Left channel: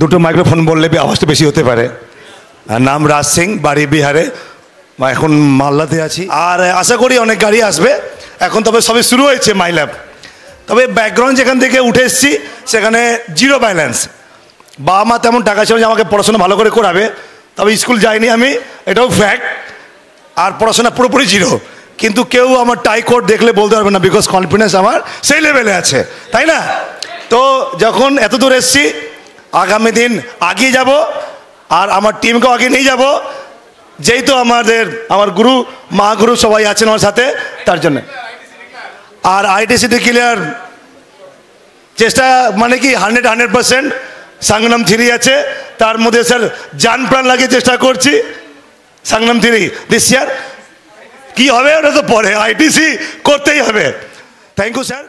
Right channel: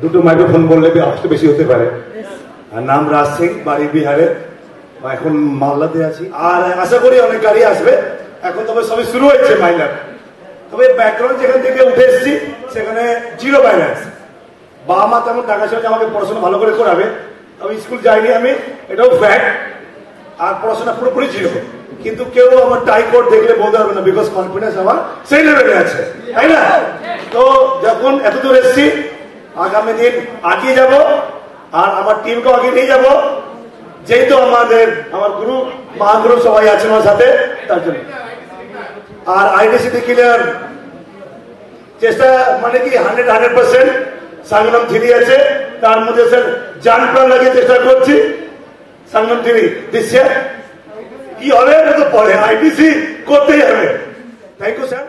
দুটো মাইক্রোফোন বললে আওয়াজটা বেশি হতে পারে। নাম রাজ সিং, বাড়ি বিহারে, এখন মালদাতে আছি। আর আশা করি অনেক গাড়ি আসবে। এখন তবে সবে শুরু হয়েছে মাইল্যাব। তবে ব্যাকগ্রাউন্ড যেখান থেকে উঠে এসেছি সেখানে জিরো ব্যালেন্স। বাবা মা তেমন টাকা ছিল যে আমাকে পড়াশোনা ভালো করে করাবে, তবে স্কুল যাইনি আমি, এটাও ফ্যাক্ট। আর পড়াশোনা পুরোপুরি জিরো, কিন্তু কেউ আমার টাই কোড দেখলে বলতে পারবে না, বিকজ কনফিডেন্স আমার সেই লেভেলে আছে, তাই না? তো যখন এত দূর এসেছি, আগামী দিন আগিয়ে যাব আর আমার টিমকেও আগে নিয়ে যাব, যেহেতু আমার গুরু মহাগুরু সবাই আছেন আমার সাথে, তার জন্য। আর আইডিসিটি ক্লিয়ার চেষ্টা মানে কি 100%। সাংনাম 3 আছে, তার মধ্যে স্যার জান প্রাণ লাগিয়ে চেষ্টা করছি। সাংনাম 3 দিস ইয়ার কি হবে এটা তো পরে, আইডিসি করতেই হবে। Thank you sir.